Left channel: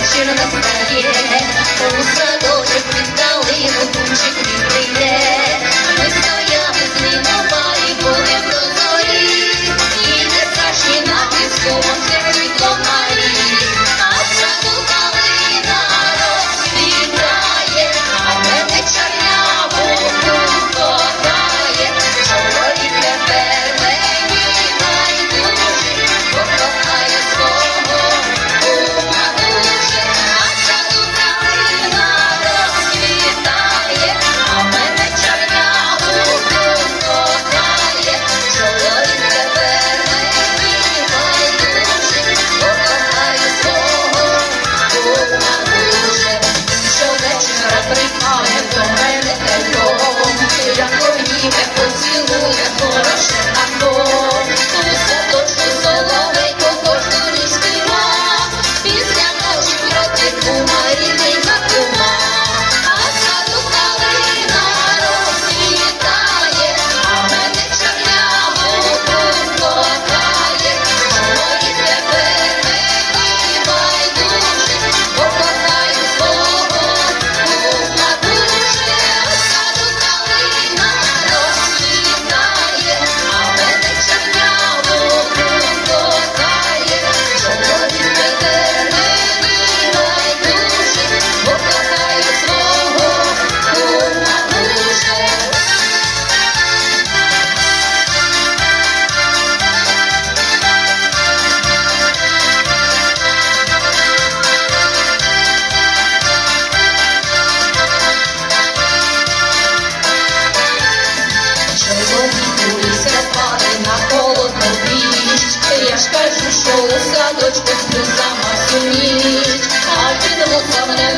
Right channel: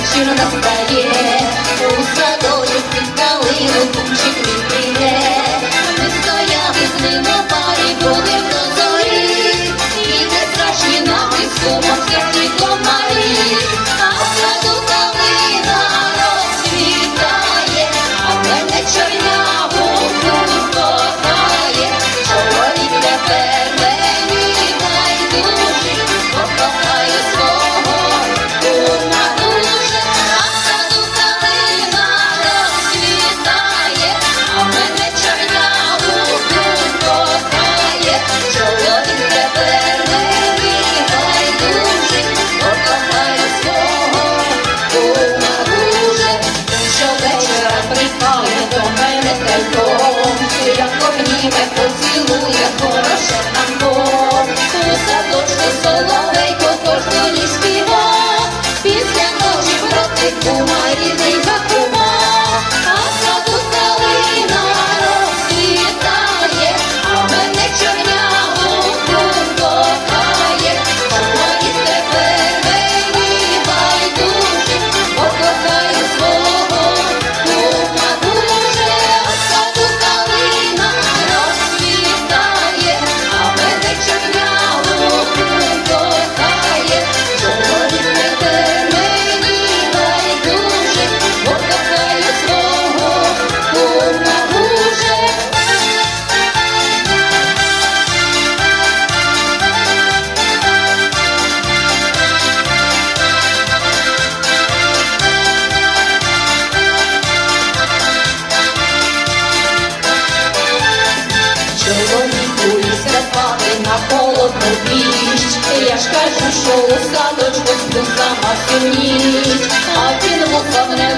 Вечір настає, у садочок під калину, кучі квіти. O marido Володіся на холодну піч, я ж кажу, що у садочку сама всю а ти ну, лука мене.